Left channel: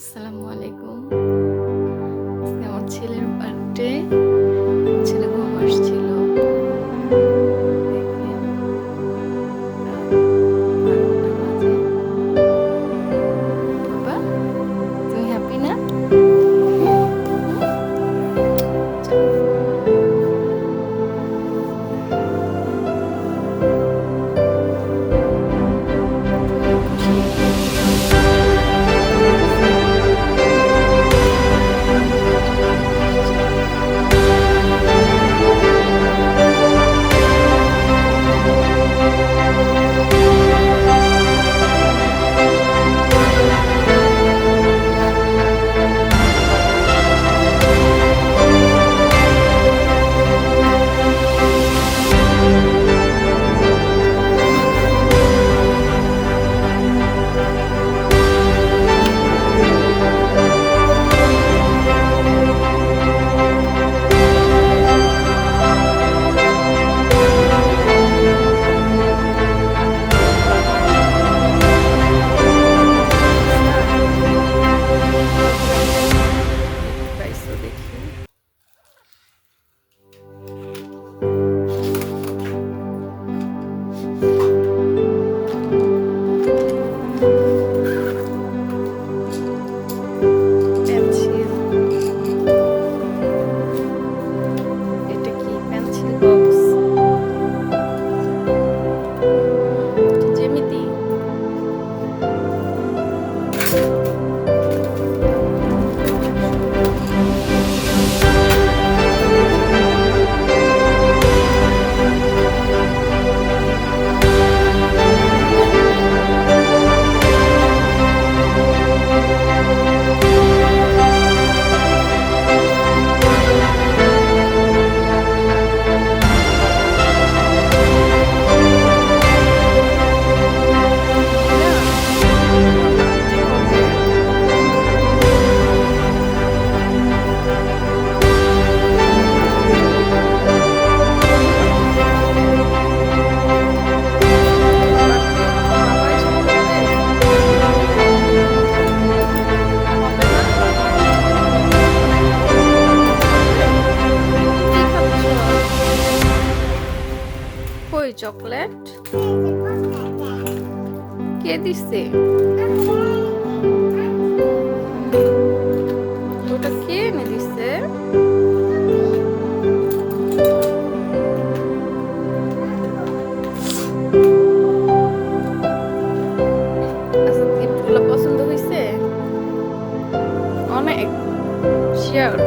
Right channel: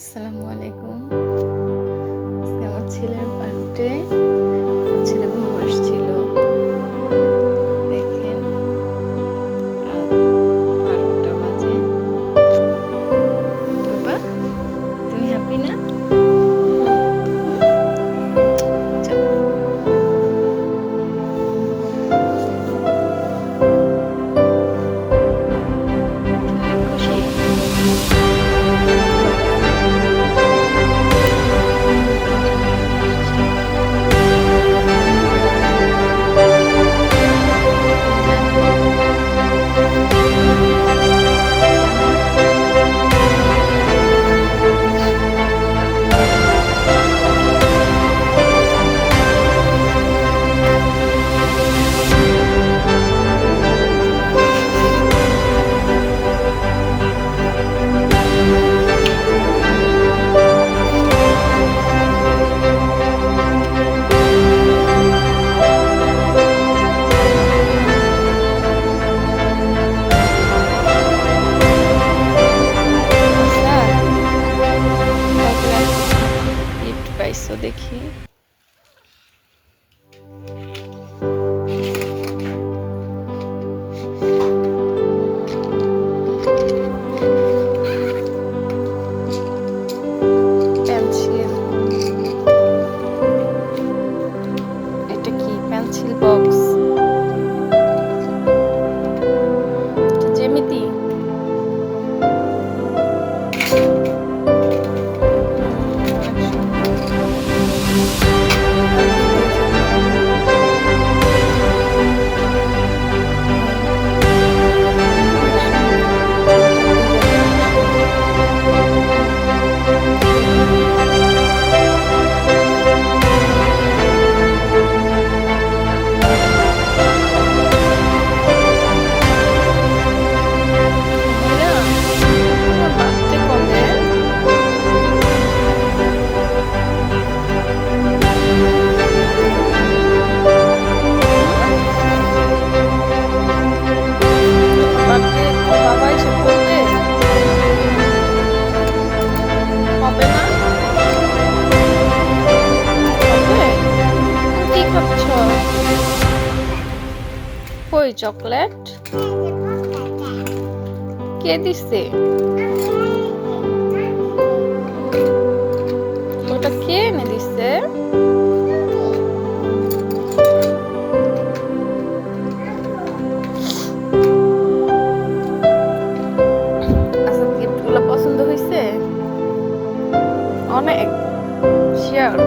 আসসালামু আলাইকুম। আজকে আমার ছেলের বার্থডে। ছেলে ঘুম আসছিল। দেখেন রাত ১২টা বাজে। বাবা, তুমি হ্যাপি না? হুম? চলো। তুমি খুশি? গিফট পাইছো দেখি। পেন্সিল। এটা কি পেন্সিল বক্স? জ্যামিতি। কই চকলেট? কে দিছে? ওটা কে এনে দিছে? আচ্ছা, গিফটগুলো পছন্দ হয়েছে? অনেক শিওর?